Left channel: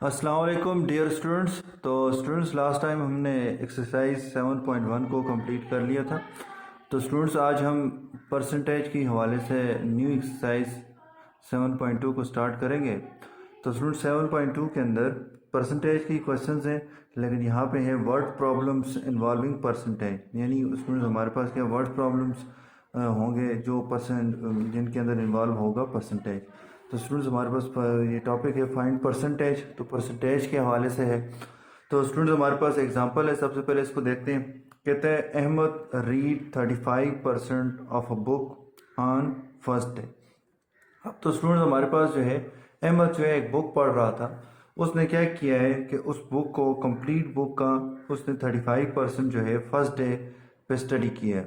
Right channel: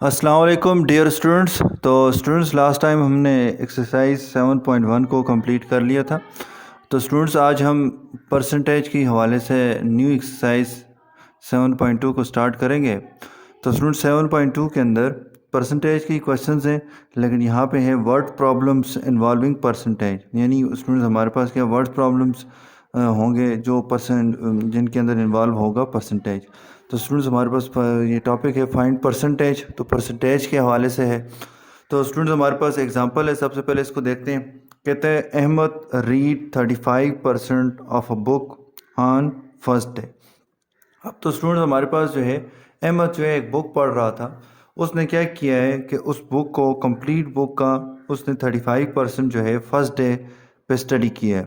अस्सलाम वालेकुम dear students. तो स्टूडेंट्स, लास्ट टाइम हमने एक्सरसाइज 7.1 को कंप्लीट कर लिया था। तो स्टूडेंट्स, आज हम परसेंटेज के हवाले से न्यू एक्सरसाइज 7.2 को स्टार्ट करेंगे। तो स्टूडेंट्स, 7.2 के अंदर परसेंटेज की क्वेश्चंस हैं, लेकिन यहाँ पे है वर्ड प्रॉब्लम्स इन्वॉल्विंग परसेंटेज। यानी स्टूडेंट्स, हमारे पास क्या वर्ड प्रॉब्लम्स होंगे जो जिनके अंदर इन्वॉल्व होगा परसेंटेज। तो स्टूडेंट्स, हमारे पास ये टॉपिक है फाइंड परसेंटेज। तो परसेंटेज के हवाले से है। तो स्टूडेंट्स, हमारे पास एग्जांपल है। सबसे पहले इसको देखते हैं। कहते हैं Ahmad read 35% of a book on first day. अब तो स्टूडेंट्स, हमारे पास जो है अहमद जो है एक बुक पढ़ रहा था। उसने क्या किया है कि उस बुक को कंप्लीट बुक का उसने 35% जो है फर्स्ट डे पे स्टडी किया है,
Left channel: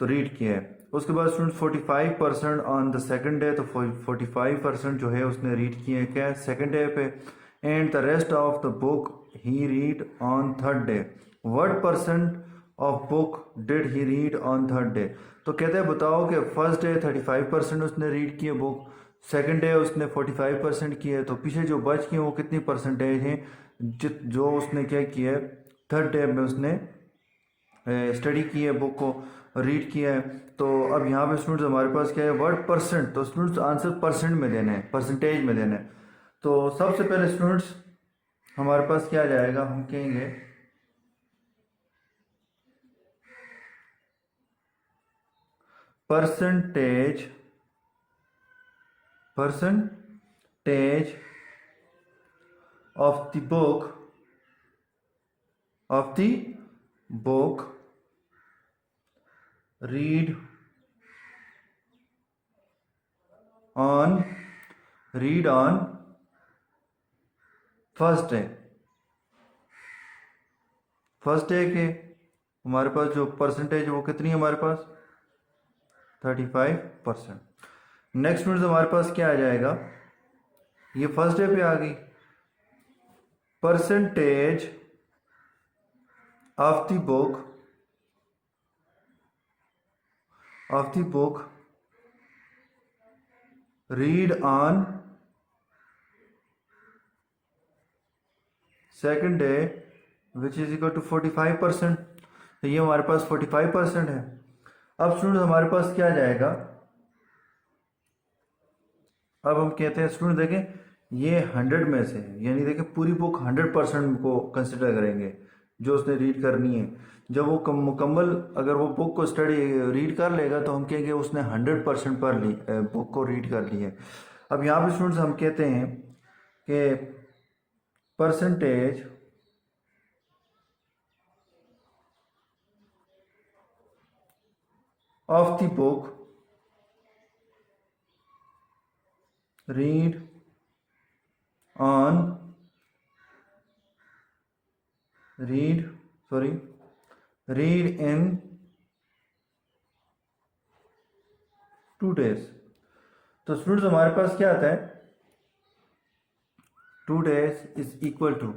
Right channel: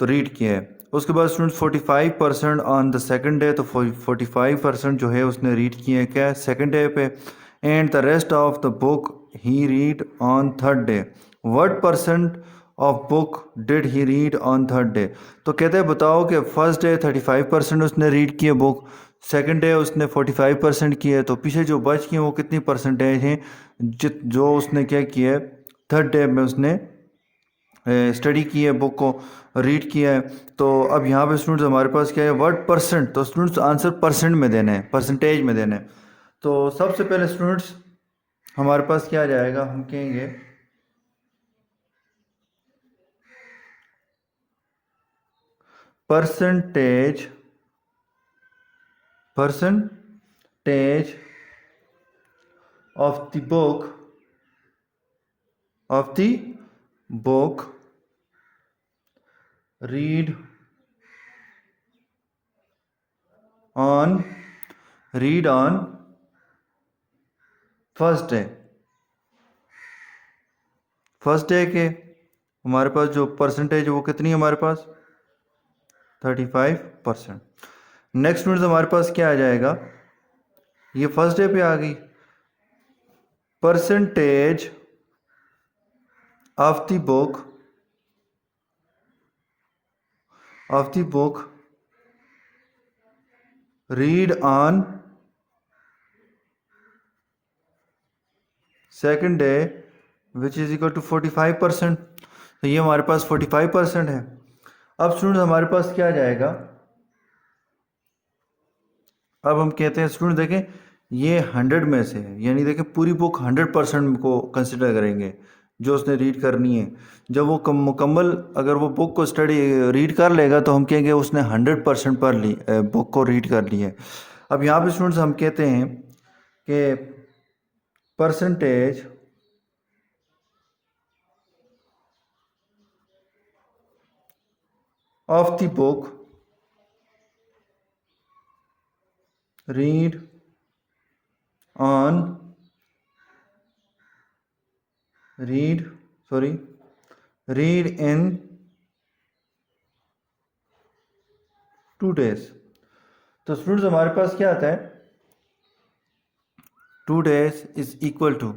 तो रीड किया है। उसके बाद students 45% on the second day. तो 45% जो है उसने रीड किया है क्या सेकंड डे पे। And the rest of the book he read on third day. What percent of book did he read on third day. तो कहते हैं बताओ कि फर्स्ट डे 35% उसने रीड किया बुक, सेकंड डे उसने 45% किया है, तो पीछे जो बच गए वो कितनी परसेंटेज हैं जो उसने क्या किया है थर्ड डे में उसने स्टडी की है, बुक को रीड किया है। तो अब यहाँ पे स्टूडेंट्स हमारे पास क्या है वर्ड परसेंट। तो स्टूडेंट्स आंसर परसेंट में देना है, परसेंटेज में देना है। तो सबसे पहले स्टूडेंट्स हमारे पास क्या आ जाएगा, हम कहेंगे percentage percentage of the book read on first day के हमारे पास जो परसेंटेज है वो कितनी है हमारे पास 35%। नेक्स्ट स्टूडेंट्स हमारे पास क्या आ जाएगा, ये फर्स्ट डे पे आ गई। Percentage of the book read on second day which is equal to 45%। तो ये हमारे पास 45% है। अब स्टूडेंट हमारे पास क्या आ जाएगा, अब हम कहते हैं स्टूडेंट देखें ये 100 में से है, यानी देखें पूरी बुक 100% को कंसिडर करेंगे जो उसने रीड करनी है। जब वो मुकम्मल अगर वो बुक को स्टडी रीड कर लेगा तो हम कहेंगे उसने 100% पर ली बुक को रीड कर ली है। अब यहाँ पे स्टूडेंट्स हम कहते हैं कि percentage of the book read on read in 2 days। तो स्टूडेंट्स हमारे पास क्या आता है 2 days इज इक्वल टू,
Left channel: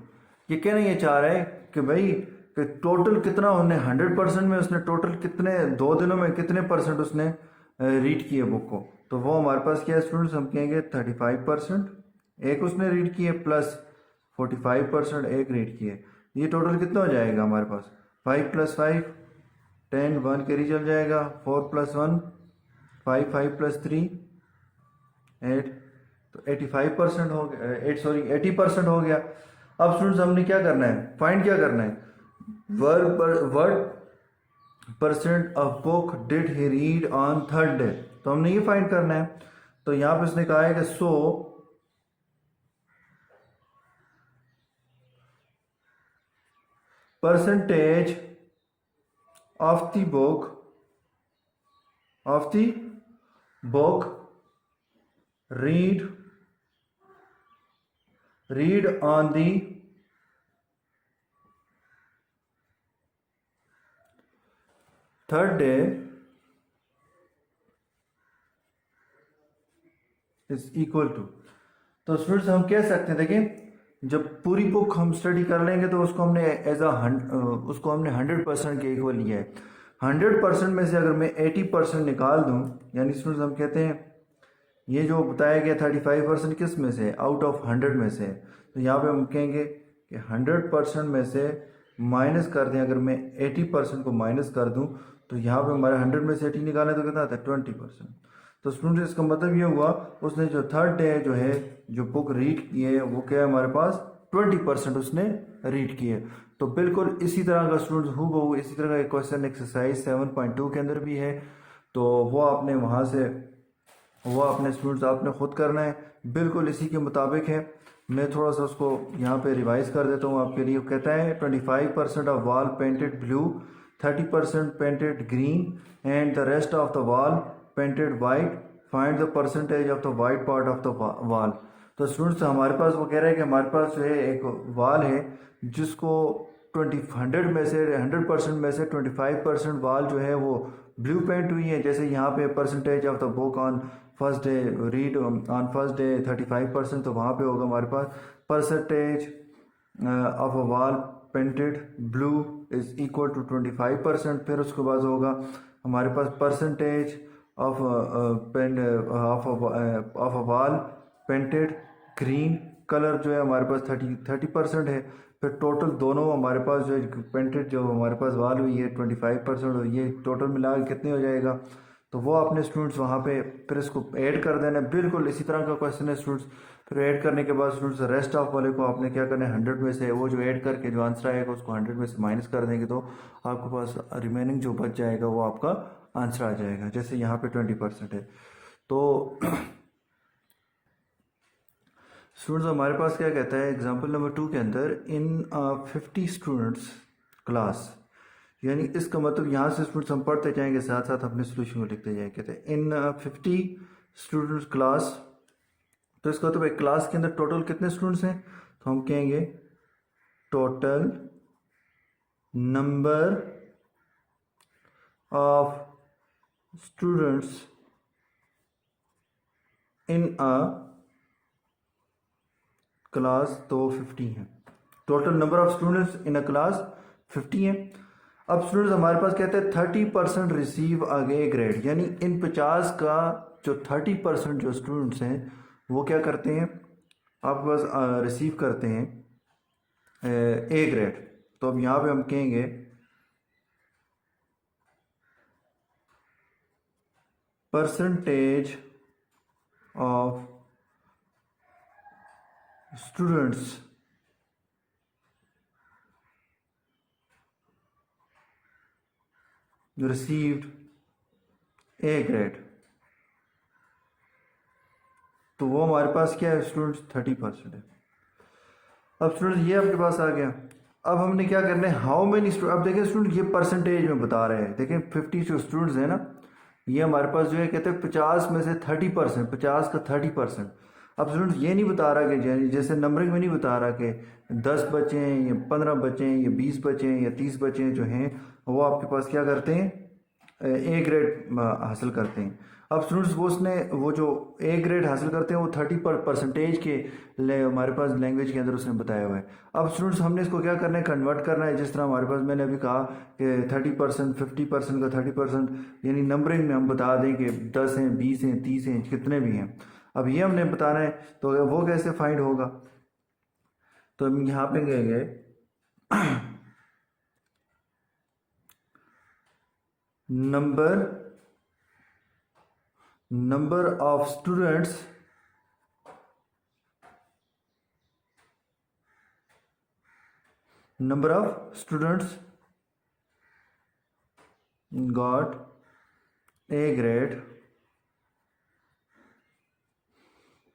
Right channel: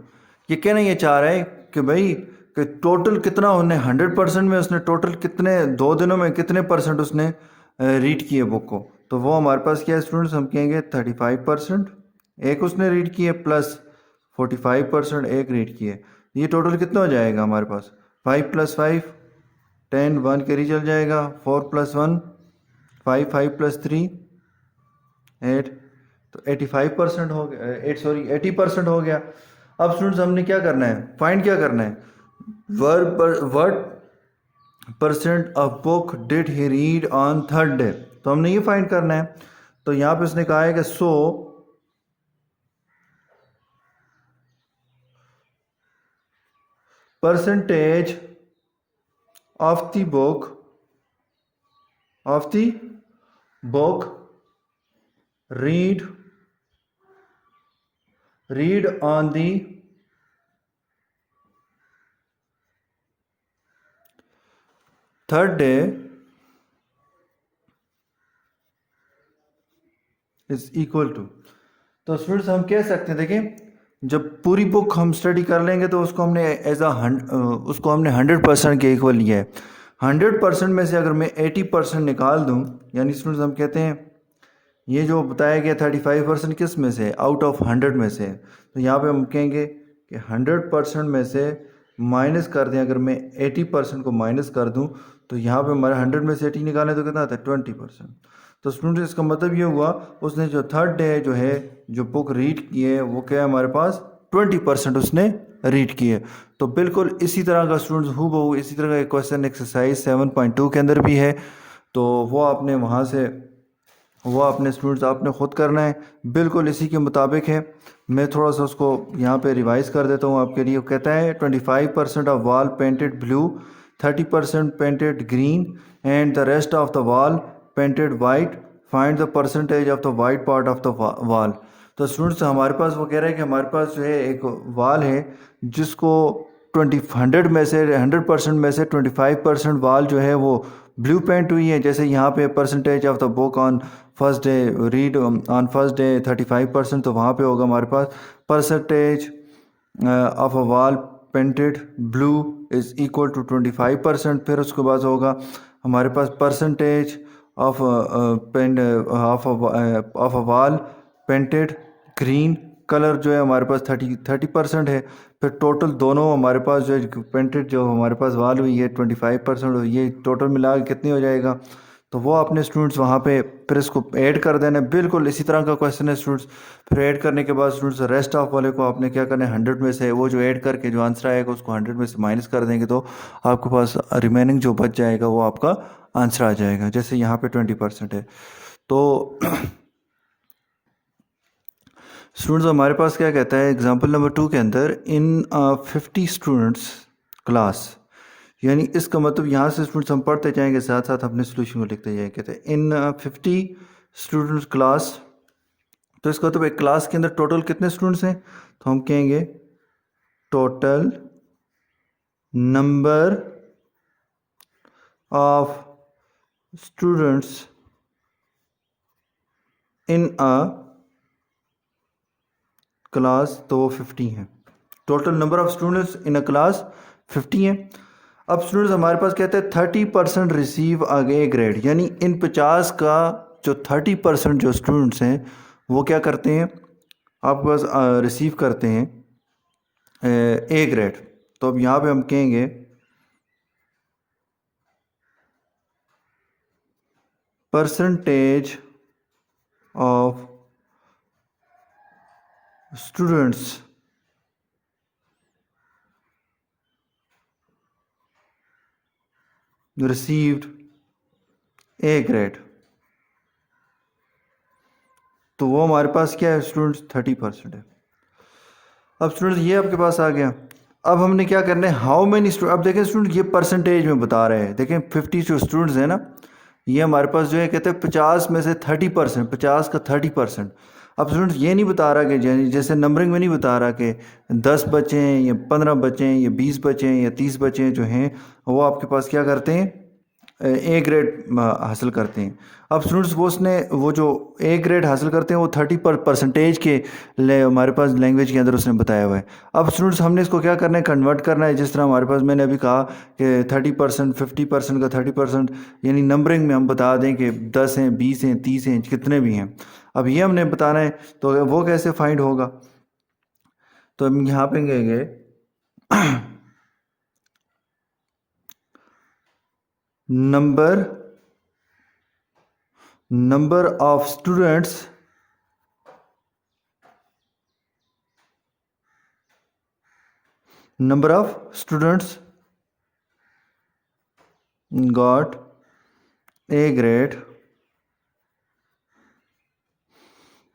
ये कहना ये चाह रहा है कि भाई कि टोटल कितना उन्हें 100% में उसने टोटल कितने 2 दिनों में कितने परसेंट उसने रीड किए बुक को। तो वो हमारे पास क्या है स्टूडेंट्स, हम कहेंगे 35% एक उसने रीड किए प्लस 45% एक रीड किए। ये टोटल कितना हो जाएगा हमारे पास 5 + 5 10, 1 कैरी चल जाएगा, 4 + 1 5, 5 + 3 8। तो 85% हो गया, 80% हो गया। अब स्टूडेंट्स हमने क्या करना है, फाइंड क्या करना है, word percent of book did he read on third day. तो हमने ये फाइंड करना है। तो यहाँ पे उसने कहा है कि percentage of the book read on the third day is equal to. तो स्टूडेंट्स हम कह सकते हैं देखें जब पूरी बुक हम स्टडी कर लेंगे तो उसको हमने उसको हमने 100% के इक्वल लिया है। 100% में से अगर मैं 80% निकाल दूं, यानी स्टूडेंट्स हम कहते हैं ये जो बताया गया 35% किस में से, आउट ऑफ 100 में से। तो यहाँ पे हम कहेंगे कि 100% में से माइनस कर दें, अगर मैं 80% को माइनस कर दूं तो यहाँ पे हमारे 100 में से 80 निकालें तो कितना आता है 20%। तो स्टूडेंट इसका मतलब ये हुआ उसने जो थर्ड डे जो है जो बुक रीड की है वो क्या है हमारे पास 20% उसने रीड की है। तो बिल्कुल इसी तरह का स्टूडेंट्स हूबहू इसी तरह का एक क्वेश्चन एक्सरसाइज 7.2 के अंदर भी है। तो वो आपने वहाँ से वो अपने स्टूडेंट्स आपने ख़ुद करना है, बिल्कुल इसी के मुताबिक है। मैं थोड़ा सा उसको यहाँ पे रिवाइज़ कर देता हूँ आपके लिए। वो कहता है 25% of wall painted blue, 30% painted green and the rest of the wall painted white, find the percentage of the white part of the wall. तो स्टूडेंट्स हमारे पास वो कह रहे हैं कि हमारे पास जो है एक वॉल है जिसको 100 में से 100% में से 25% वॉल जो है वो ब्लू पेंट हुई है। जैसे यहाँ पे percentage of the book on first day read on first day 35%, तो वहाँ पे होगा हमारे पास percentage of a wall painted blue is equal to 25%। फिर उसके बाद होगा हमारे पास percentage of paint of a wall painted green colour जो है हमारे पास 30% है। फिर टोटल दोनों हमारे पास जो है पेंटेड जो हमारे पास वाल हुई है 25% हुई है, टोटल मिला के कितनी हो जाएगा। तो वो अपने स्टूडेंट्स वहाँ पे फिर इसको ऐड कर देना है। बिल्कुल इसी तरह का क्वेश्चन है स्टूडेंट्स। फिर ऐड करने के बाद स्टूडेंट्स रेस्ट ऑफ वाले को आपने क्या करना है 100 में से वो जो ऐड करके जो आंसर आएगा उसको 100 में से माइनस कर देंगे तो आपके पास रिमेनिंग जो बच जाएगा वो आपका आंसर आ जाएगा। जैसे यहाँ पे 20% है। तो स्टूडेंट्स हमारे पास क्या कहता है एग्जाम्पल नंबर 2 के अंदर इन 50 स्टूडेंट्स क्लास, यानी इसका मतलब यहाँ से स्टूडेंट्स हम पढ़ते जाएंगे साथ साथ अपने सोल्यूशन को लिखते जाएंगे। कहते हैं इन 50 स्टूडेंट्स क्लास, तो इसका मतलब एक क्लास के अंदर टोटल कितने स्टूडेंट्स हैं, तो हम कहेंगे total number of students in a class, तो वो 50 हैं। Total number of students in a class 50 हैं। अब स्टूडेंट्स हमारे पास कहते हैं 30% रिसीव आगे ग्रेड, यानी इन 50 का जो 30% जो स्टूडेंट्स हैं वो क्या करते हैं आपके पास रिसीव करते हैं ए ग्रेड। तो अब यहाँ पे हम कहेंगे percentage of students received A grade, तो वो हमारे पास क्या है स्टूडेंट्स 30% है। अब स्टूडेंट्स ये आपके पास आ गया। अब हमने क्या करना है हाउ मेनी स्टूडेंट, अब देखें स्टूडेंट ये परसेंटेज में बता रहे हैं। देखें 50 जो स्टूडेंट्स हैं ना, ये हमारे पास जो है कहते हैं 50 में से 30%, 50 का 30%। अब स्टूडेंट्स ये नहीं बता रहा कि जैसे नंबरिंग में नहीं बता रहा कि 10 बच्चे हैं या 15 बच्चे हैं या 20 बच्चे हैं या 30 बच्चे हैं जो हैं वो आपके पास क्या करते हैं ए ग्रेड हासिल करते हैं। अब स्टूडेंट्स वो उसने वो जो ए ग्रेड हासिल करते हैं वो 30% के हमारे पास लैंग्वेज के अंदर उसने बताया हुआ है। अब स्टूडेंट्स हमने इसको क्या करना है कन्वर्ट करना है, जिस तरह हमारे पास मैंने अभी कहा कि 30%, 50% का 30%, यानी नंबरिंग में हम बता दें कि 10 हैं, 20 हैं, 30 हैं, कितने भी हैं। अब ये हमने बताना है तो वो कैसे फाइंड होगा, तो हम यहाँ पे कहेंगे number of students got A grade।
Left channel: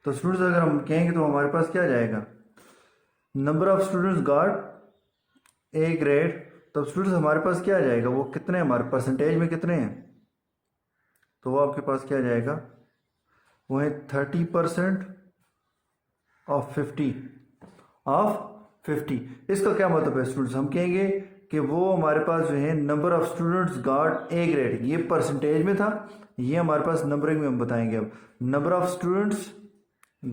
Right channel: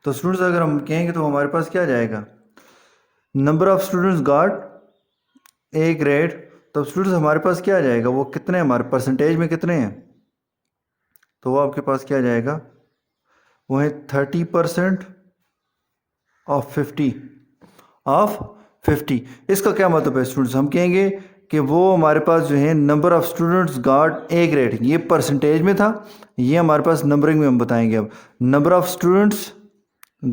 तो स्टूडेंट्स अगर हम कहेंगे तो हमारे पास क्या जाएगा number of students got A grade. तो स्टूडेंट्स हमारे पास क्या आ जाएगा वो कितने हमारे परसेंटेज में कितने हैं, तो वो आपके पास क्या जाएगा वो है 30% ऑफ 50। इसका क्या मतलब है स्टूडेंट्स, हम कहेंगे कि वो हमारे पास जो है number of students got A grade, ये परसेंटेज में था, ये हमारे पास नंबरिंग में हम बताएंगे। अब number of students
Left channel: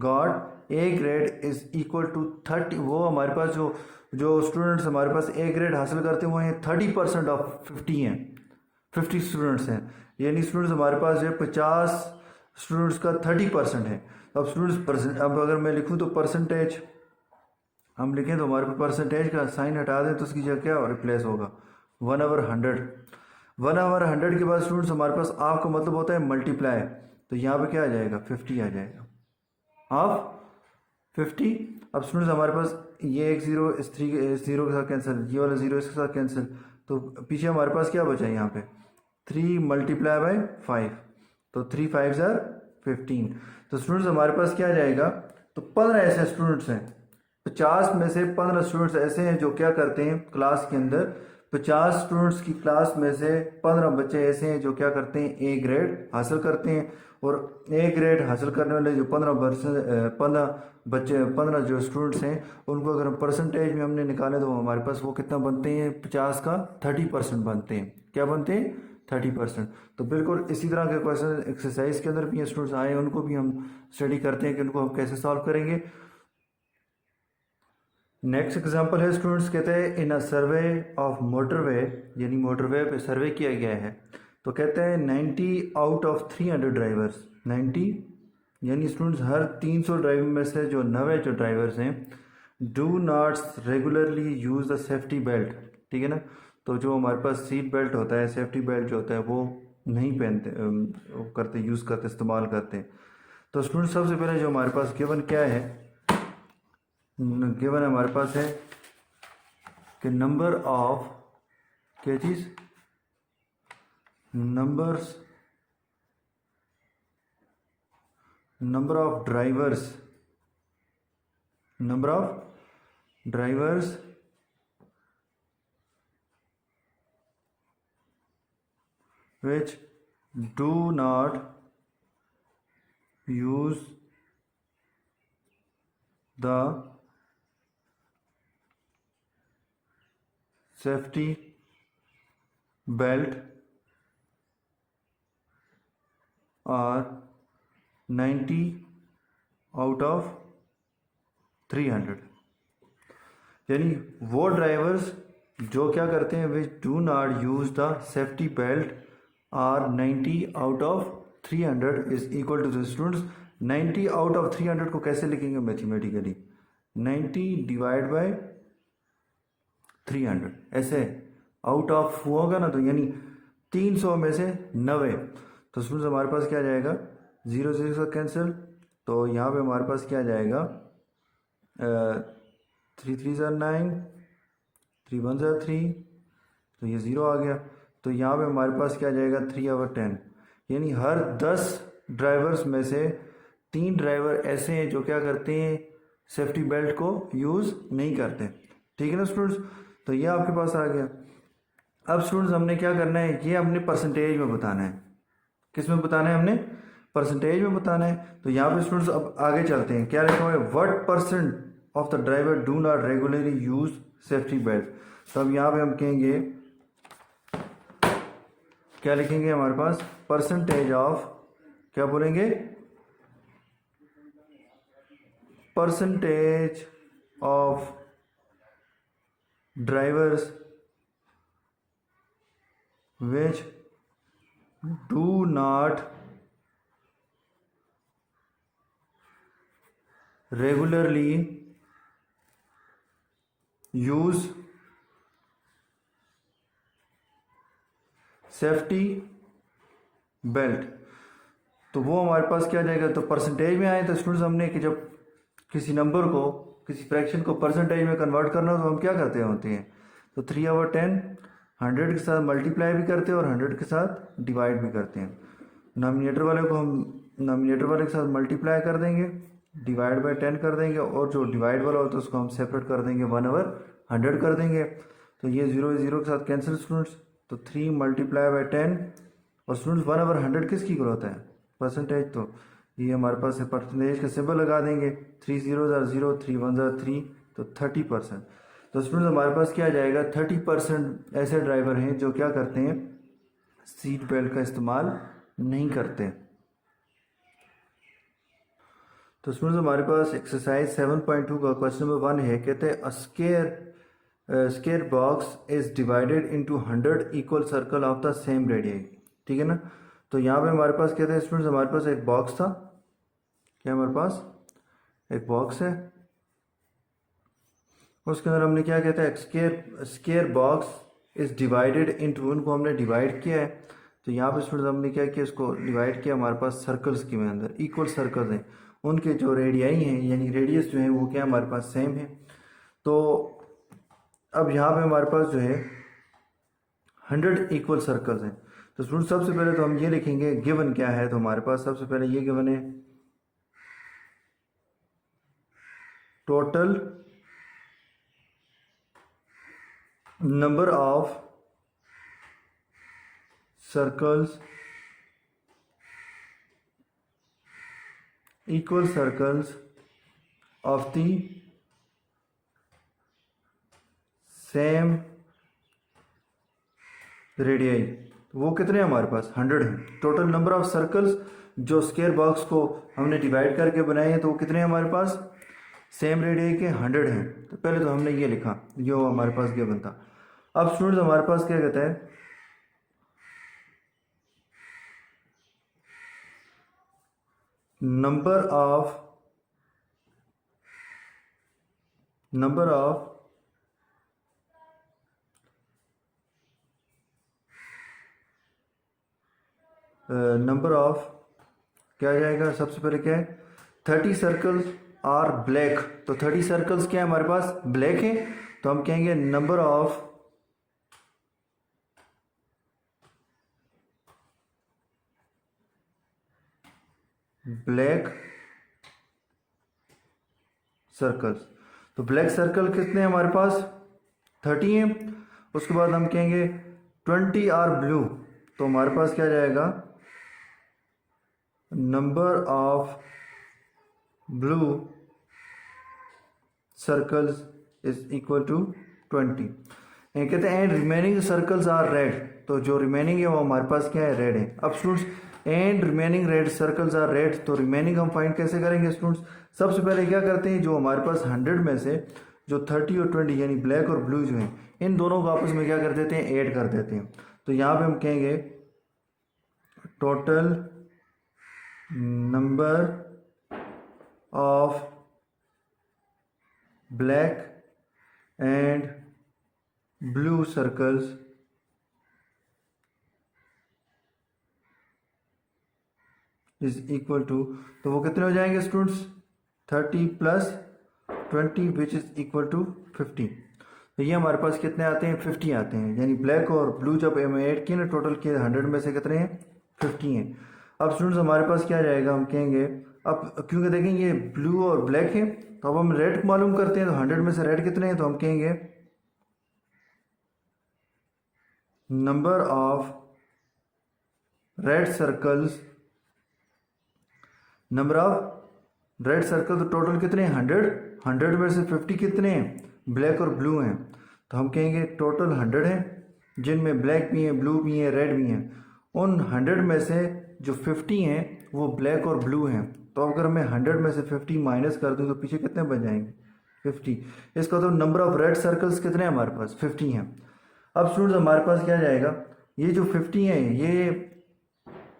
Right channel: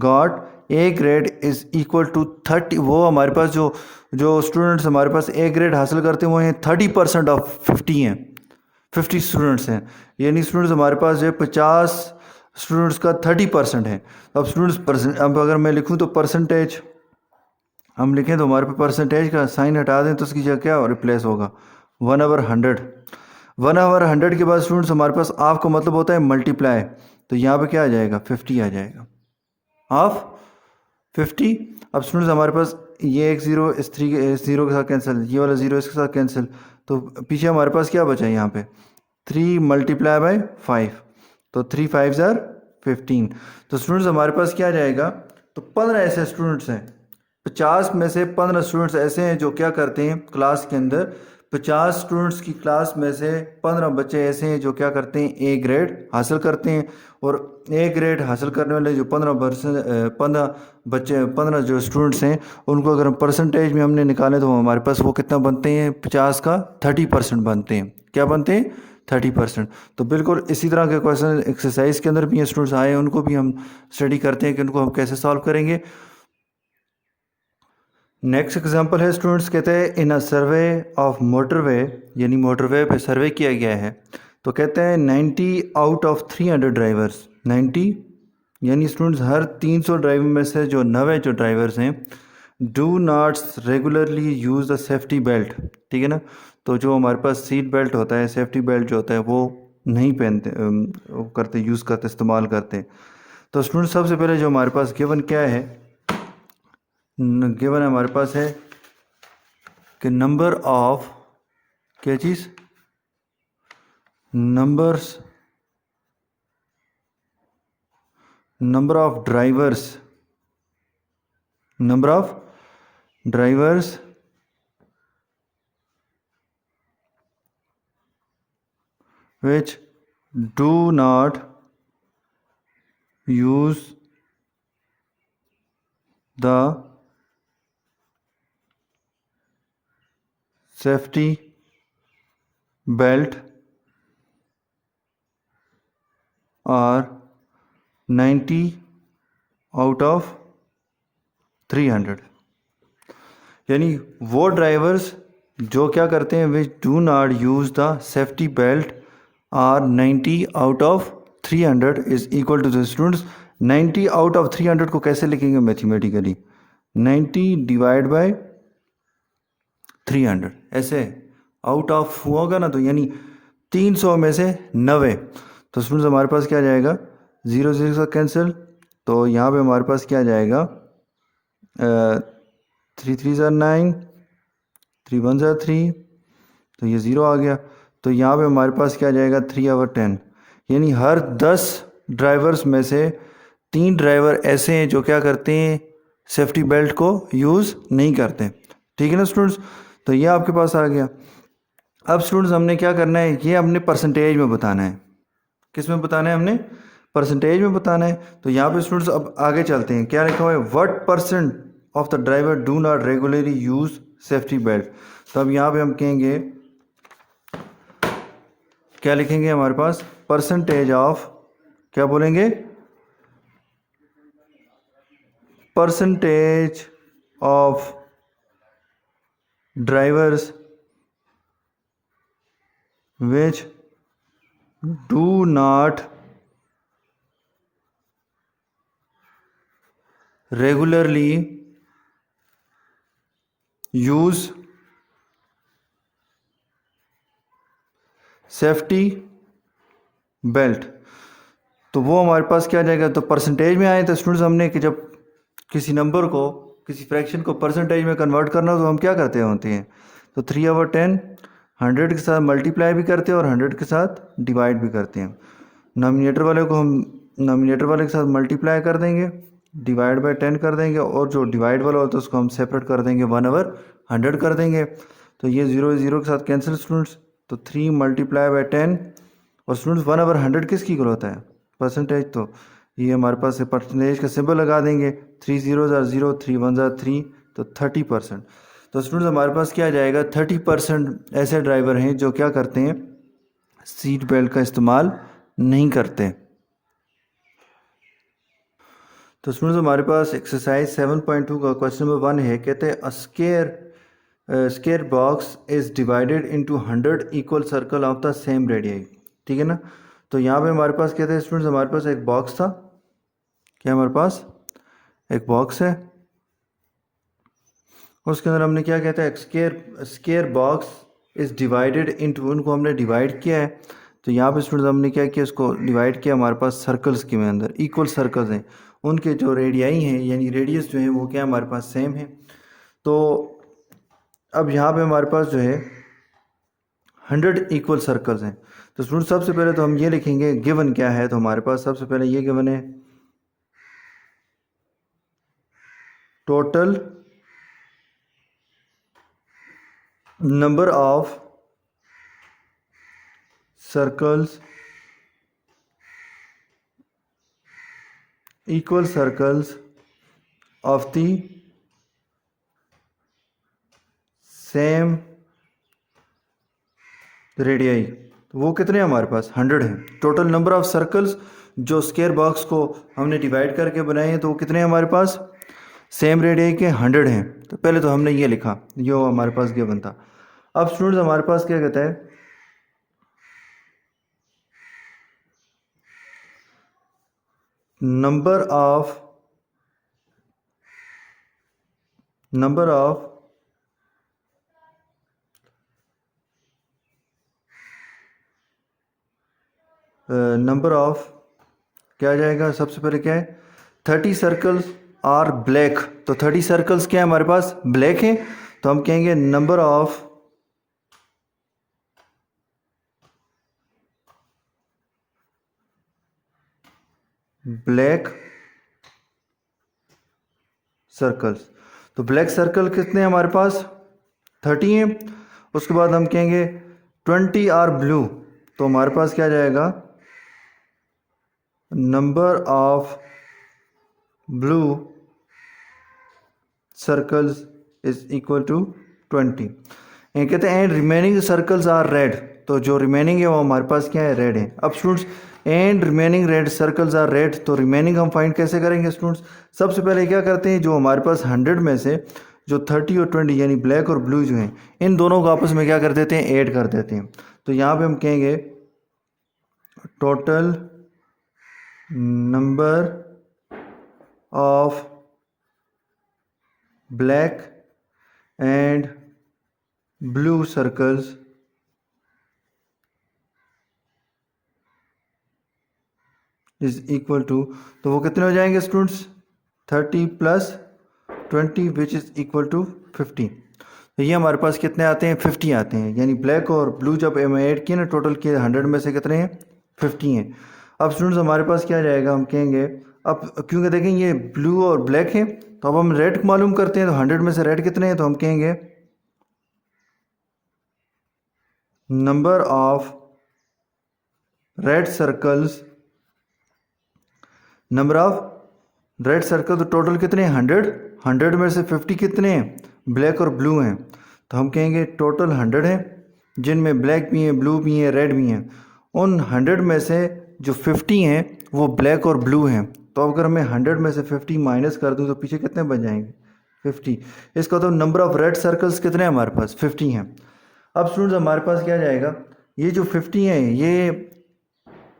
got A grade is equal to 30, वो हमारे पास जो जो स्टूडेंट्स हमारे पास ए ग्रेड हासिल करते हैं वो हैं 30% ऑफ 50 हैं, 50 स्टूडेंट्स हैं। यानी स्टूडेंट्स हमारे पास जो है 50 स्टूडेंट्स का 30% है। अब अब अगर मैं लिखूं तो परसेंटेज हम लिखें तो हमारे पे परसेंटेज का साइन हटा दें तो उसकी जगह क्या रिप्लेस होगा 1/100। 1/100 के बाद स्टूडेंट्स हमारे पास हाफ का मतलब होता है मल्टीप्लाई, तो यहाँ पे क्या आ जाएगा 50 आ जाएगा, हाफ 50। अब स्टूडेंट्स हमारे पास ये एक ज़ीरो इस ज़ीरो के साथ कैंसिल, ये वाला ज़ीरो इसके साथ कैंसिल, तो पीछे हमारे पास क्या बचा है यहाँ पे 3 मल्टीप्लाई बाय 5, तो 3 5 ज़ार 15। तो स्टूडेंट्स हमारे पास क्या आ जाएगा, तो 15 ऐसे स्टूडेंट्स हैं, 50 में से 15 स्टूडेंट्स ऐसे हैं जो क्या करते हैं क्लास के अंदर, 50 स्टूडेंट्स की क्लास में से 15 बच्चे ऐसे हैं जो क्या करते हैं ए ग्रेड हासिल करते हैं। और ए ग्रेड हासिल करने वाले जो 15 बच्चे 15 जो स्टूडेंट्स हैं उनको अगर हम परसेंटेज में हमने निकाले तो हमारे पास वो कितना बनते हैं 50 का 30% बनते हैं। क्या बनते हैं 30%। तो बिल्कुल इसी तरह के क्वेश्चन एक्सरसाइज के अंदर भी ये स्टूडेंट्स आए, उनको भी हम स्टडी करते हैं कि उनको हम कैसे सॉल्व करेंगे। नेक्स्ट एग्जांपल है स्टूडेंट्स, कहते हैं इन अ सर्वे ऑफ मोटरवे, यानी मोटरवे पे सर्वे किया गया है, तो कहते हैं 90 आउट ऑफ 300 ड्राइवर्स, 90 यानी स्टूडेंट्स हर 300 ड्राइवर में से जो 90 जो ड्राइवर्स हैं do not regularly use the safety belt, ठीक है ना। तो जो हमारे पास सीट बेल्ट होता है, सेफ्टी बेल्ट जो होता है वो नहीं पहनते, वो करते यूज़ करते इस्तेमाल करते हैं। तो स्टूडेंट सबसे पहले जो हमारे पास गिवन क्या है, गिवन हमारे पास है कि नंबर ऑफ क्या चीज़, number of drivers, number of drivers which do not use the safety belt are 90 out of 300, यानी वो ड्राइवर्स जो क्या करते हैं which do not use the safety belt are 90 out of 300 is equal to the students 90 out of 300 को कैसे लिखेंगे mathematically, 90 divide by 300, ऐसे आउट ऑफ होगा ना, तो यानी 300 में से 90, तो स्टूडेंट्स हमारे पास क्या आ जाएगा 0 0 से कैंसिल, तो यहाँ पे हमारे पास क्या आ जाएगा 3 3 ज़ार 9, 3 1 ज़ार 3, तो ये 0 आ गया। तो यहाँ पे हमारे पास क्या आ जाएगा 3/10, यानी हर 10 ड्राइवर्स में से 3 ड्राइवर ऐसे हैं जो क्या करते हैं सेफ्टी बेल्ट को यूज़ नहीं करते, ठीक है ना स्टूडेंट्स। तो ये आपके पास आ गया। अब स्टूडेंट्स हमने क्या करना है, ये हमने परसेंटेज में बताना है, किस में बताना है, हमने परसेंटेज में बताना है। तो यहाँ पे स्टूडेंट्स अब आगे चलते हैं, क्या लिखा हुआ है what percent of the driver do not regularly use safety belt. तो अब यहाँ पे हम कहेंगे, क्या लिखेंगे हमारे पास परसेंटेज ऑफ, क्या बोलेंगे percentage of drivers which do not regularly use safety belt. तो वो हमारे पास क्या आ जाएगा, तो परसेंटेज में आए तो स्टूडेंट्स हमने कि जब किसी नंबर को किसी फ्रैक्शन को परसेंटेज में कन्वर्ट करना हो तो हम क्या करते होते हैं, तो 3/10 100 के साथ मल्टीप्लाई भी करते हैं और 100 के साथ डिवाइड भी करते हैं। नॉमिनेटर वाले को हम नॉमिनेटर वाले के साथ मल्टीप्लाई कर देंगे, डिवाइड बाय 10 कर देंगे, और जो डिवाइड वाला होता है उसको हम सेपरेट कर देंगे 1/100 कर देंगे। तो ये 0 0 के साथ कैंसिल स्टूडेंट्स, तो 3 मल्टीप्लाई बाय 10, और स्टूडेंट्स 1/100 किसकी इक्वल होता है परसेंटेज, तो ये हमारे पास परसेंटेज का सिंबल लगा देंगे, 3 0 ज़ार 0, 3 1 ज़ार 3, तो 30%। तो स्टूडेंट्स हमारे पास क्या आ जाएगा 30% ऐसे ड्राइवर हैं जो क्या करते हैं सीट बेल्ट का इस्तेमाल नहीं करते। तो स्टूडेंट्स हमारे पास एक्सरसाइज 7.2 का क्वेश्चन नंबर 1 है, कहते हैं square box is divided into 100 equal circle of the same radius, ठीक है ना। तो यहाँ पे हमारे पास क्या था स्टूडेंट्स, हमारे पास एक बॉक्स था। क्या हमारे पास एक बॉक्स है, उसके अंदर हमने क्या कहता है, square box is divided into, उनको हमने डिवाइड किया है। तो यहाँ पे स्टूडेंट्स हमने क्या किया, इसको डिवाइड किया हमारे पास सर्कल्स के अंदर, इक्वल सर्कल्स हैं, उनके जो रेडियाई हैं यानी रेडियस जो है वो क्या हमारे पास सेम है। तो अब यहाँ पे हमारे पास जो है 100 इक्वल सर्कल्स हैं। तो स्टूडेंट सबसे पहले तो हम ये लिखेंगे गिवन क्या है, तो हमारे पास सबसे पहले ये गिवन है total number of circles, equal circles of the same radii. तो वो कितने हैं हमारे पास, 100 हैं। टोटल नंबर ऑफ सर्कल्स जो स्क्वायर बॉक्स को हमने डिवाइड करके बनाए हैं, तो वो कितने हैं हमारे पास, सेम रेडियाई के 100 हैं। तो पहले तो हमने ये लिखा, जो हमारे पास गिवन था। अब स्टूडेंट्स हमारे पास क्या कहता है, नंबर ऑफ क्या आ जाएगा, सबसे पहले क्या है, 30 सर्कल्स आर ब्लैक। तो 30 सर्कल्स क्या है हमारे पास, ब्लैक है। तो हम कहेंगे नंबर ऑफ ब्लैक सर्कल्स। तो ब्लैक सर्कल कितने हैं हमारे पास, 30 हैं। उसके बाद हम कहेंगे 20 आर ब्लू। तो हमारे पास क्या जाएगा, number of blue circles is equal to 20। ये कहते हैं and remaining circles are red. तो जो रिमेनिंग है वो हमारे पास क्या है, रेड है। अब students and remaining red circles are red, तो रिमेनिंग हम फाइंड कैसे करेंगे स्टूडेंट्स, सबसे पहले क्या करते हैं, जो हमारे पास 100 में से जो 30 और 20 यानी ब्लैक और ब्लू जो हैं, इन दोनों को आपस में क्या कर देते हैं, ऐड कर देते हैं। तो यहाँ पे हम कहेंगे total number of black and blue circles is equal to, तो वो कितने हो जाएंगे students, 30 plus 20 which is equal to 50। तो ये हमारे पास कितने आते हैं, 50 आते हैं। यानी ब्लैक और ब्लू जब ऐड किए ना, टोटल किए 100 में से कितने हैं, 50 हैं। अब स्टूडेंट्स हमारे पास क्या जाएगा, हम कहेंगे अब क्योंकि देखें ये ब्लू और ब्लैक है, तो अब हम रेड मालूम करते हैं। तो 100 में से रेड कितने हैं, तो हम कहेंगे number of red circles, number of red circle, तो टोटल कितने हैं, 100 में से 50 कितने हैं, ब्लैक और ब्लू हैं। तो हम कहेंगे टोटल 100 हैं, जिनमें ब्लैक भी हैं, ब्लू भी हैं, रेड भी हैं। उन 100 में से जो 50 हैं वो ब्लैक और ब्लू हैं। तो अगर मैं 100 में से 50 माइनस कर दूं तो पीछे कितने बच जाएंगे, 50। इसका तो नंबर ऑफ रेड सर्कल्स कितने हैं हमारे पास, 50 हैं। अब स्टूडेंट्स हमारे पास क्या जाएगा, ये जो 50 हैं ये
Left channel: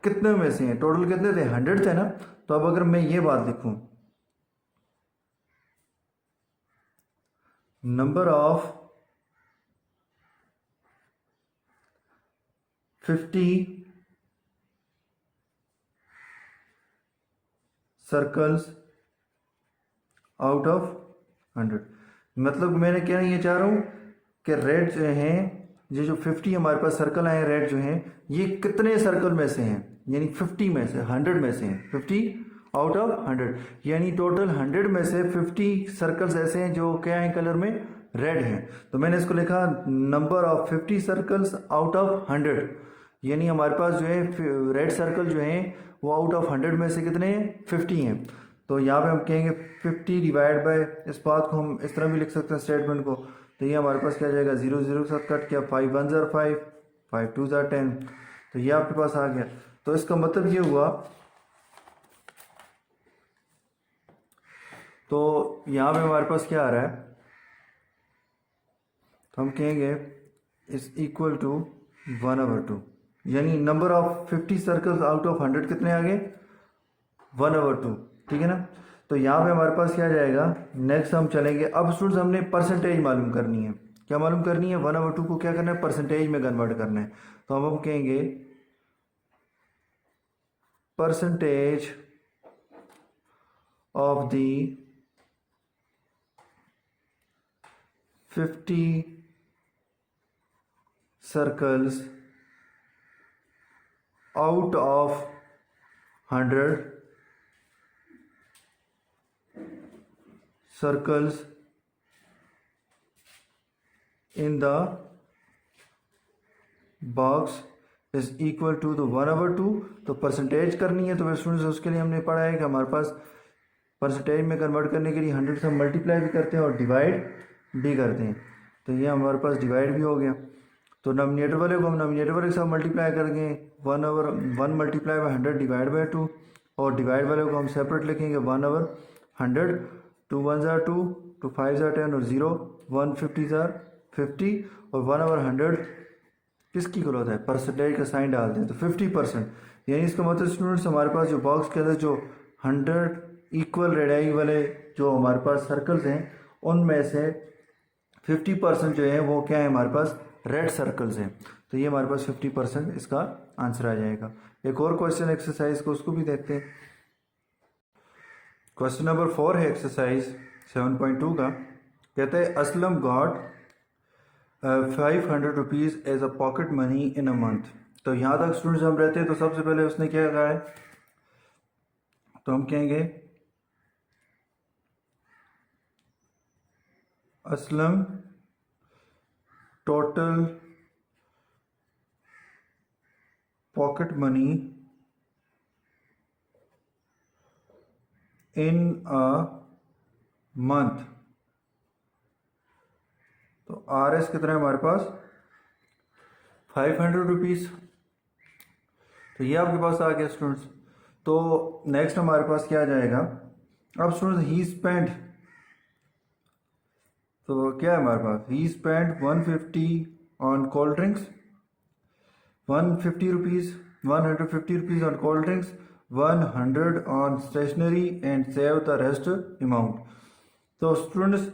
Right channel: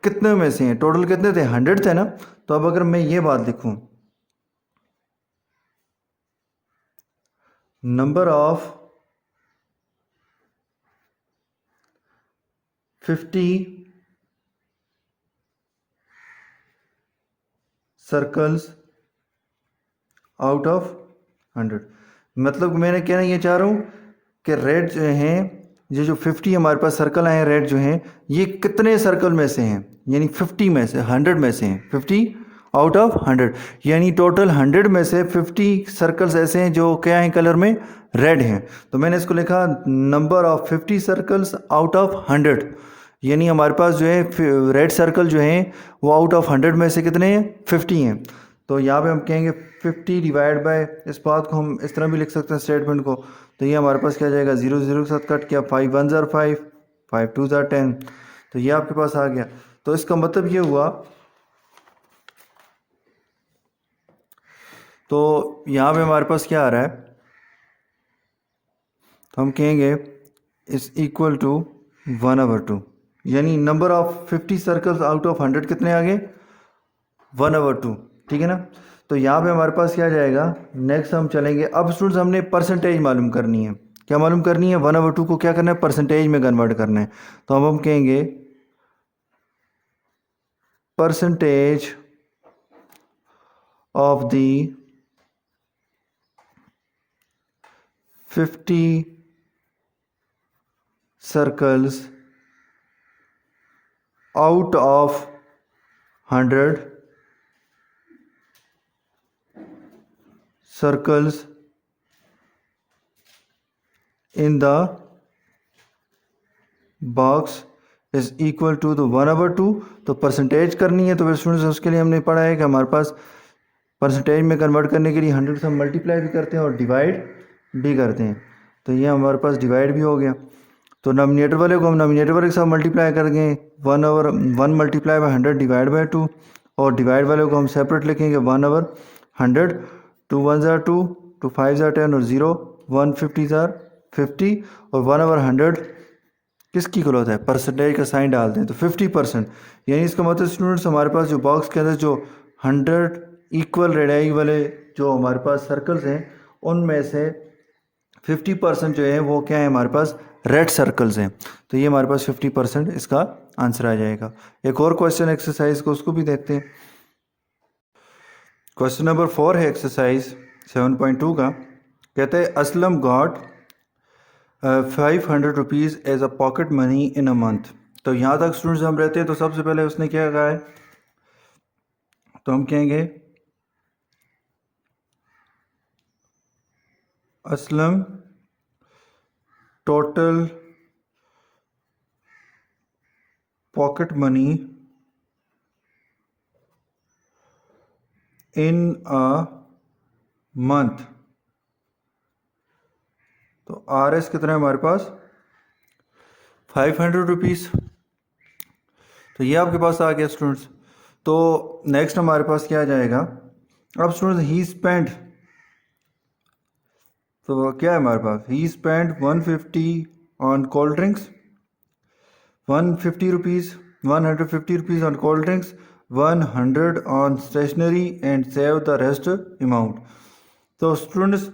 कितने में से हैं, टोटल कितने थे, 100 थे ना। तो अब अगर मैं ये बात लिखूं, number of 50 circles out of 100, मतलब मैंने कहना ये चाह रहा हूँ कि रेड जो हैं, ये जो 50 हमारे पास सर्कल आए हैं रेड जो हैं, ये कितने सर्कल में से हैं, यानी 50 में से, 100 में से हैं, 50 आउट ऑफ 100, यानी टोटल 100 में से 50 सर्कल्स ऐसे हैं जो क्या हैं, कलर में रेड हैं। तो मैंने इसको लिखा number of 50 circles out of 100, यानी हमारे पास जो है रेड सर्कल जो हैं वो आउट ऑफ 100 में से कितने हैं, 50 हैं। तो यहाँ पे हम कहेंगे 50 डिवाइड बाय, इस बात को हम इस तरह भी लिख सकते हैं स्टेटमेंट को। तो ये हमारे पास क्या जाएगा, 0 0 के साथ कट किया, 5 1 ज़ार 5, 5 2 ज़ार 10। तो ये आपके पास आ गया। तो इसका मतलब ये हुआ, तो यहाँ पे हमारे पास क्या आ रहा है, तो हम कहेंगे इज इक्वल टू 1/2। यानी number of 50 circles out of 100 कितने आ गए, 1/2, ठीक है ना। तो यहाँ पे हमारे पास क्या जाएगा, नेक्स्ट हम चलेंगे। अब स्टूडेंट्स हमने परसेंटेज मालूम करनी है। क्या मालूम करनी है, 1/2 को क्या करना है, परसेंटेज में कन्वर्ट करना है। तो अब हम कहेंगे percentage of the 50 circles out of 100 circles in the box is equal to the 1/2। तो परसेंटेज करनी है, तो फिर स्टूडेंट्स उसके लिए हमने पढ़ा है कि हमारे पास परसेंटेज में कन्वर्ट करने के लिए 100 से हम मल्टीप्लाई भी करते हैं और डिवाइड भी करते हैं। तो ये हमारे पास डिवाइड भी हो गया। तो नॉमिनेटर वाले को हम नॉमिनेटर वाले के साथ मल्टीप्लाई करेंगे, 1/1 मल्टीप्लाई बाई 100 डिवाइड बाई 2, और डिवाइड वाले को हम सेपरेट लिखेंगे 1/100। 2 1 ज़ार 2, 2 5 ज़ार 10 और 0 1 50 ज़ार 50, और 1/100 किसकी इक्वल होता है, परसेंटेज का साइन डालते हैं तो 50%। यानी इसका मतलब स्टूडेंट्स हमारे पास जो बॉक्स के अंदर जो 100 इक्वल रेडियाई वाले जो हमारे पास सर्कल्स हैं, उनमें से 50% जो है वो क्या है, हमारे पास रेड सर्कल्स हैं। तो ये हमारे पास 50% इसका आंसर आ जाएगा। एक और क्वेश्चन एक्सरसाइज को उसको भी देखते हैं। क्वेश्चन नंबर 4 है एक्सरसाइज 7.2 का। कहते हैं Aslam got 500 rupees as a pocket money in a month. तो यहाँ तक स्टूडेंट्स हम रहते हैं, तो सबसे पहले उसने क्या कहा है, तो हम कहेंगे Aslam total pocket money in a month. तो आर एस कितना है हमारे पास, 500 रुपीज़। तो ये आपके पास आ गया स्टूडेंट्स। तो नेक्स्ट हमारे पास क्या आ जाएगा, अब स्टूडेंट्स ही स्पेंड, तो क्या है हमारे पास, he spend 150 on cold drinks, 150 rupees 150 rupees on cold drinks, 100 on stationery and save the rest amount. तो स्टूडेंट्स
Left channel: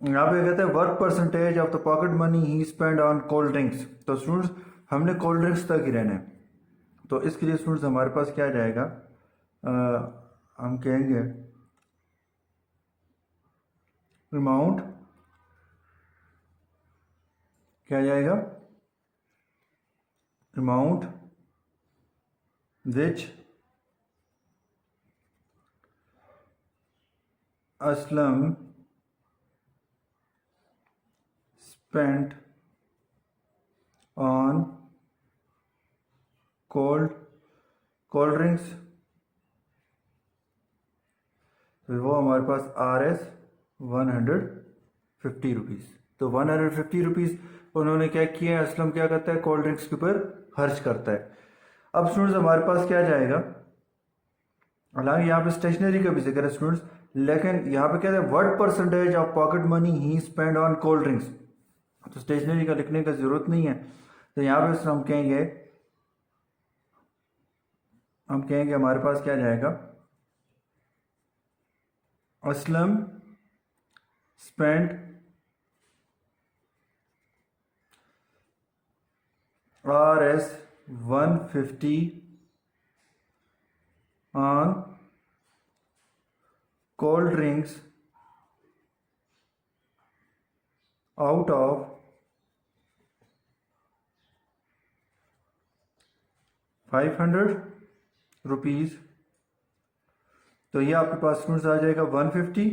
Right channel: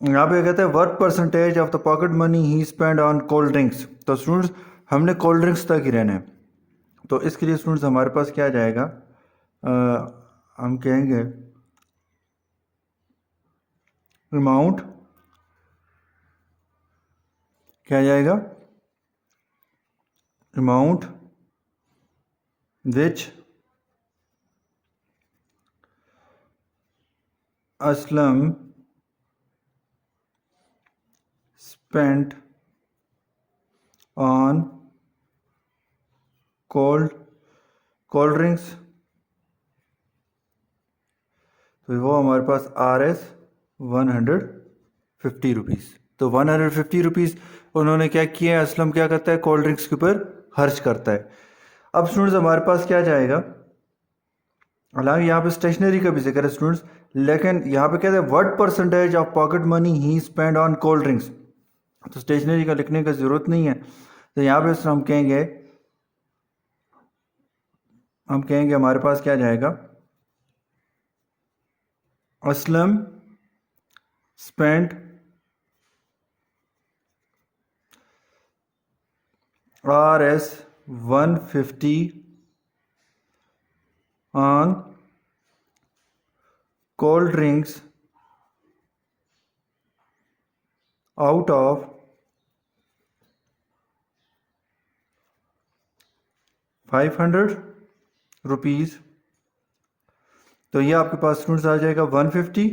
यहाँ पे कहते हैं what percentage of the pocket money he spend on cold drinks. तो स्टूडेंट्स हमने कोल्ड ड्रिंक्स तक ही रहना है। तो इसके लिए स्टूडेंट्स हमारे पास क्या आ जाएगा, हम कहेंगे अमाउंट, क्या आ जाएगा, amount which Aslam spent on cold drinks। तो वो हमारे पास आर एस 150 रुपीज़। तो 150 रुपीज़ उन्होंने क्या किया है, असलम क्या करता है, कोल्ड ड्रिंक्स के ऊपर खर्च करता है। अब स्टूडेंट्स हमारे पास क्या जाएगा, हालांकि यहाँ पे स्टेशनरी का भी जिक्र है स्टूडेंट्स, लेकिन यहाँ पे कहते हैं what percentage of pocket money he spend on cold drinks. तो स्टेशनरी का लिखने की ज़रूरत नहीं है। तो यहाँ पे हम कहेंगे हमारे पास क्या जाएगा, Aslam spend R S 150 on cold drinks out of 500 rupees. तो ये आपके पास स्टूडेंट्स आ जाएगा 150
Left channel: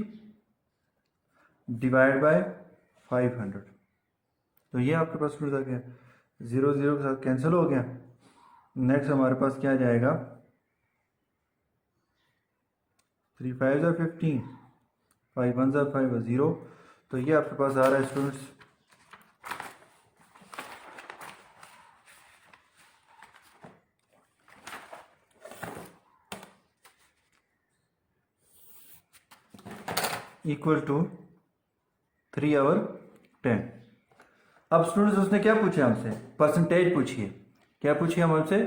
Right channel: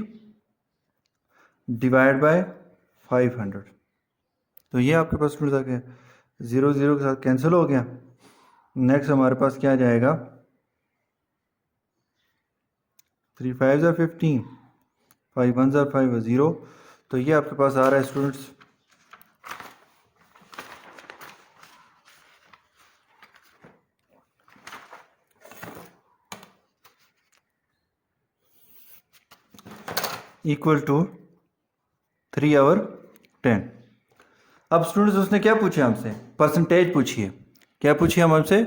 डिवाइड बाय 500। तो ये आपके पास स्टूडेंट्स आ गया, 0 0 के साथ कैंसिल हो गया। नेक्स्ट हमारे पास क्या जाएगा, 3 5 ज़ार 15, 5 1 ज़ार 5 0। तो ये आपके पास आ रहा है स्टूडेंट्स इक्वल टू 3/10। अब स्टूडेंट्स उसने क्या पूछा हमसे, परसेंटेज पूछिए। क्या पूछिए हम हमसे?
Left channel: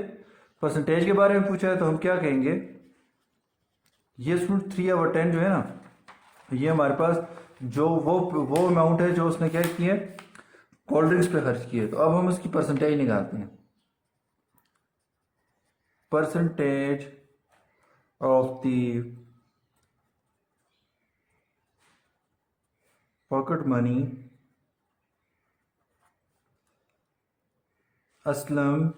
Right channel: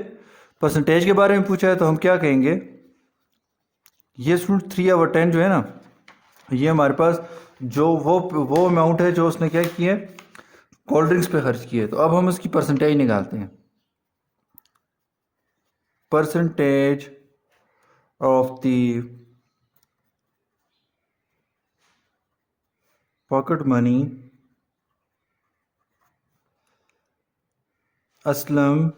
परसेंटेज के बारे में पूछा है, तो हम क्या कहेंगे, ये स्टूडेंट 3/10 जो है ना, ये हमारे पास जो वो अमाउंट है जो उसने क्या किया है, कोल्ड ड्रिंक्स पे खर्च किए। तो अब हम उसकी परसेंटेज निकालते हैं। Percentage of the pocket money Aslam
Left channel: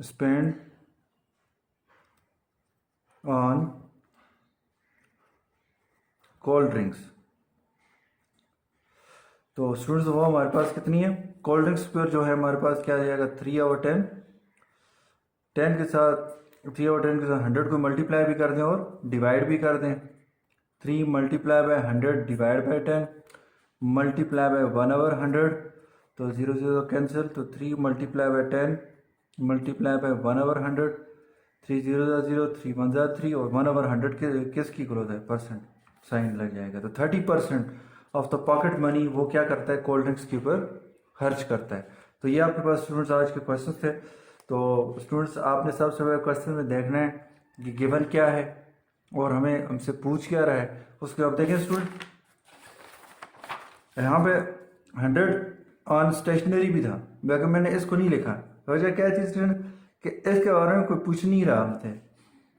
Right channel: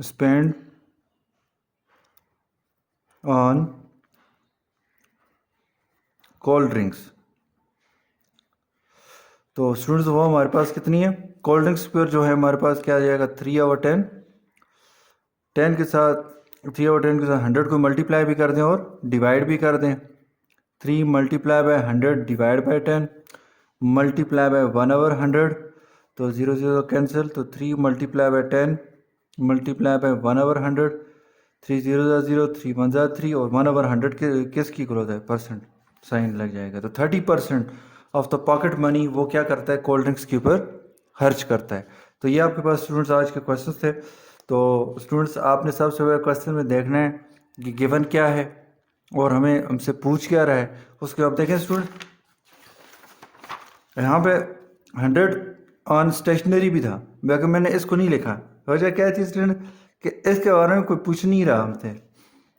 spend on cold drinks. तो स्टूडेंट्स वो हमारे पास कितनी है, कोल्ड ड्रिंक्स पर जो है हमारे पास क्या आ जाएगा, 3/10। 10 के साथ 3/10 के साथ 100 को मल्टीप्लाई भी कर दें और डिवाइड भी कर दें। 3 multiply by 100 divide by 10 multiply by 1/100, तो 0 0 कैंसिल, तो 3 मल्टीप्लाई बाय 10 मल्टीप्लाई बाय 1/100, 3 0 0, 3 1 3, और 1/100 के किसकी ग्रोथ है, परसेंट साइन लग जाएगा। तो 30% ऑफ द पॉकेट मनी वो क्या करता है, कोल्ड ड्रिंक्स के ऊपर खर्च करता है। तो ये आपके पास स्टूडेंट्स आज के क्वेश्चन थे। तो स्टूडेंट्स आपने सबसे पहले क्वेश्चन में देखना है कि गिवन क्या है और हमें हमसे पूछ क्या रहा है। उसके बाद देखें स्टूडेंट, यहाँ पे 100 ऑन स्टेशनरी भी था, बाकी मैंने इसको नहीं लिखा। वजह क्या थी स्टूडेंट कि इसके बारे में कोई पूछ नहीं रहा हमसे।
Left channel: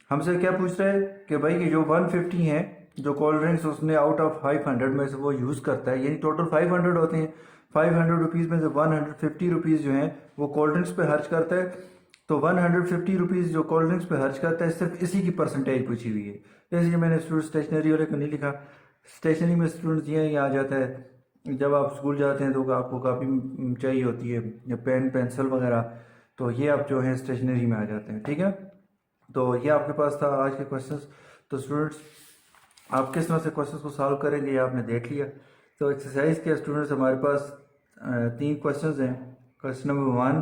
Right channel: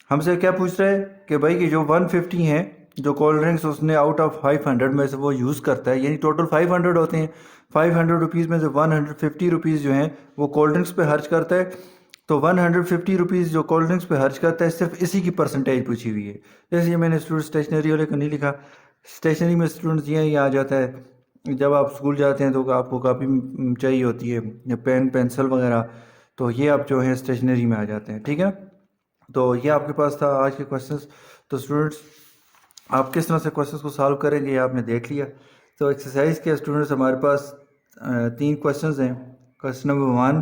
हमसे क्या पूछ रहा है कि भाई कि जो 150 है जो कोल्ड ड्रिंक्स उसने आउट ऑफ 500 में से वो यूज़ करता है, यानी टोटल 500 होते हैं, 500 रुपीज़ में से 150 रुपीज़ जो हैं वो कोल्ड ड्रिंक्स पे खर्च करता है। तो 150 रुपीज़ जो कोल्ड ड्रिंक्स पे खर्च करता है, सिर्फ इसी की परसेंटेज पूछी हुई है। इसलिए मैंने स्टूडेंट स्टेशनरी वाले को नहीं लिखा। स्टेशनरी में स्टूडेंट्स ये आ जाता है, जब आप स्कूल जाते हैं तो आपको काफ़ी चाहिए होती है, या पेन पेंसिल वगैरह, तो ये आप जो है स्टेशनरी में आ जाते हैं। ठीक है, तो ये आपके पास था आज के क्वेश्चंस। तो स्टूडेंट्स आप किस तरह से क्वेश्चंस को सॉल्व करेंगे ये आपने देख लिया। तो एक्सरसाइज के स्टूडेंट्स हमारे पास 3 क्वेश्चंस हैं। Question number 1,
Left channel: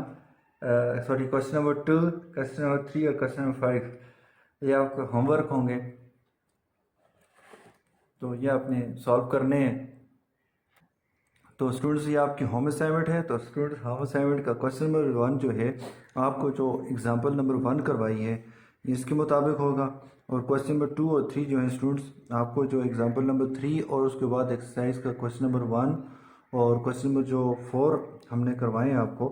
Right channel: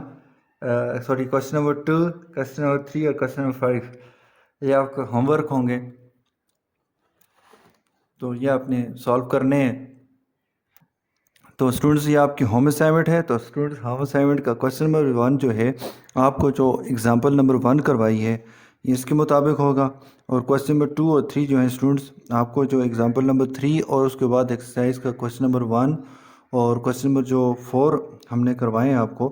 sorry question number 2, question number 3 और क्वेश्चन नंबर 5, ये आपका होमवर्क होंगे। तो ये आपने सॉल्व करने हैं। तो स्टूडेंट्स ये आपकी होम असाइनमेंट है। तो स्टूडेंट्स होम असाइनमेंट का क्वेश्चन नंबर 1 जो है, आपको जो एग्जांपल नंबर 1 करवाई है इसके मुताबिक होगा, और क्वेश्चन नंबर 2 और 3 जो है स्टूडेंट्स, आपको जो एग्जांपल नंबर 3 और उसके बाद एक्सरसाइज का क्वेश्चन नंबर 1 और क्वेश्चन नंबर जो 4 हमने करवाए हैं आपको,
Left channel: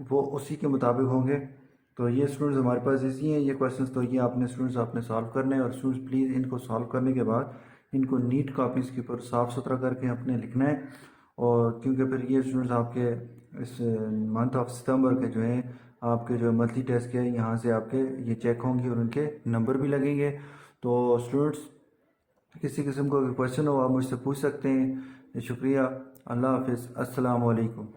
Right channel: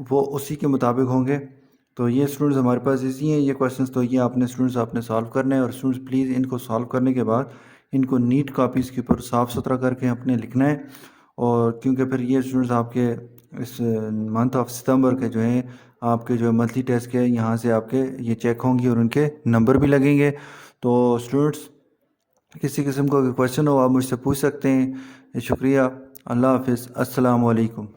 वो उसी के मुताबिक होंगे। तो ये स्टूडेंट्स हमारे पास इजी हैं ये क्वेश्चंस। तो ये आपने स्टूडेंट्स आपने सॉल्व करना है, और स्टूडेंट्स प्लीज़ इनको सॉल्व करने के बाद इनको नीट कापीज़ के ऊपर साफ़ सुथरा करके अपने लिखना है। और क्योंकि फिर ये स्टूडेंट्स आपके इस मंथ ऑफ सितंबर के जो हैं आपके जो मंथली टेस्ट के यहाँ से आपके ये चेक होंगी और उनके नंबर भी लगेंगे। तो स्टूडेंट्स किसी किस्म का कोई क्वेश्चन हो आप मुझसे पूछ सकते हैं। शुक्रिया, अल्लाह हाफिज़, अस्सलाम वालेकुम।